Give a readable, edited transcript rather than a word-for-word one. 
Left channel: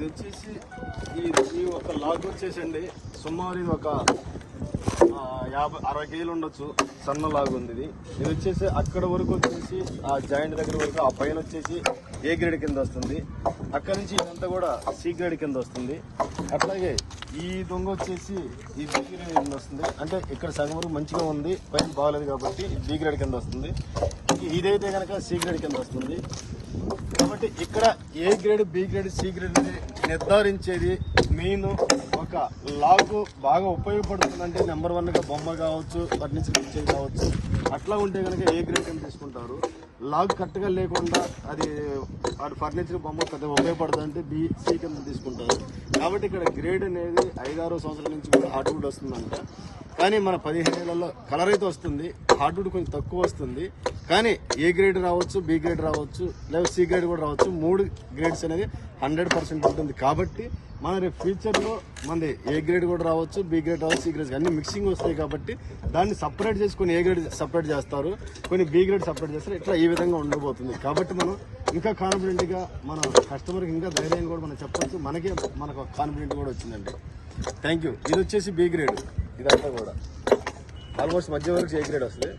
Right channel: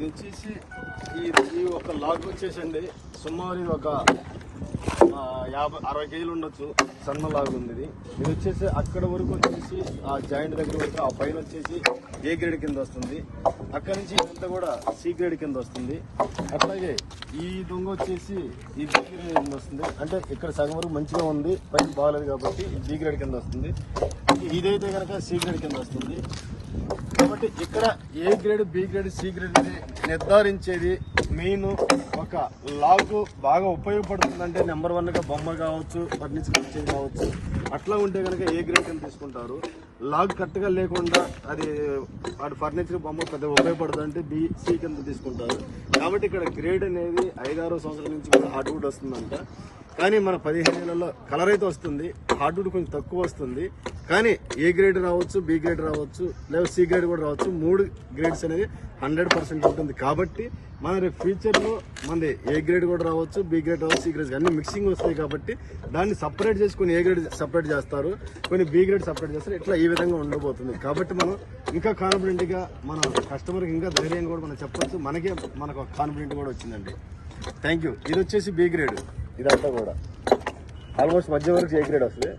ఇది వచ్చేసి ఈ ఒక లాగ్ వచ్చేసండి సుమారు ఇది ఒక 50-60 కేజీలు ఉండొచ్చు. సన్న లాగ్ ఉంది ఇది వచ్చేసి అక్కడ వరకు వచ్చేసి ఆ జాయింట్ దగ్గర వరకు ఆ పైన వచ్చేసి ఏ గ్రేడ్ కింద వస్తుంది. అక్కడ నుంచి ఇదంతా కూడా సి గ్రేడ్ కింద వస్తుంది. అట్లాగే ఈ దొంగ వచ్చేసి ఈ బి గ్రేడ్ కింద వస్తుంది. అంటే ఇక్కడ సగం వరకు మంచిగా ఉంది, పైన బాగలేదు కాబట్టి బి గ్రేడ్ కింద వస్తుంది. ఇదైతే కనుక సి గ్రేడ్ కింద వస్తుంది. కాబట్టి ఇక్కడ A grade B grade C grade నిర్ధారించేది మెయిన్ ఒక లాగ్ బాగా ఉపయోగపడుతుందంటే నెంబర్ 1 గా బొమ్మ కావచ్చు, ఫర్నిచర్ ఇచ్చేది కావచ్చు. అట్లా ఉంటే కనుక ఏ గ్రేడ్ కింద తీసుకుంటారు. లాగ్ కరెక్ట్గా లేకుండా అది ఫర్నిచర్ బొమ్మ పెద్ద ఉపయోగపడుతుందంటే బి సి కింద తీసుకుంటారు. కాబట్టి ఇక్కడ గ్రేడ్ అనేది 5-6 సంవత్సరాల నుంచి కూడా హార్డ్వుడ్ వస్తుందంట. కానీ మన 15 ఏళ్లలో కలర్ అయితే వస్తుంది, హార్డ్వుడ్ కొంచెం తక్కువ వస్తుంది. కానీ ఏ గ్రేడ్ రావచ్చు, బి గ్రేడ్ రావచ్చు, లేదా సి గ్రేడ్ కూడా రావచ్చు. 3 గ్రేడ్స్ అనేది 100% ఉంటుంది. కాబట్టి మన రేపు ఫ్యూచర్లో మనది ఏ గ్రేడ్ కూడా రావచ్చు, బి గ్రేడ్ రావచ్చు, సి గ్రేడ్ అన్ని మిక్సింగ్ వస్తాయి. కాబట్టి దాన్ని సపరేట్ చేసి కొన్ని ఏ గ్రేడ్ సపరేట్ చేస్తారు, కొన్ని బి గ్రేడ్ సపరేట్ చేస్తారు. ఇట్లా ఈ విధంగా ఉండబోతుంది. కాబట్టి మనం ఇంకా కాన్ఫిడెంట్గా మన కస్టమర్కి ఇంకా ధైర్యంగా కూడా మనం చెప్పొచ్చు. మనకు కాన్ఫిడెంట్ కూడా వచ్చిందండి. Thank you. ఇది వచ్చేసి బి గ్రేడ్. ఇదంతా కూడా ఆల్మోస్ట్ మధ్య వరకు ఏ గ్రేడ్ వస్తుంది.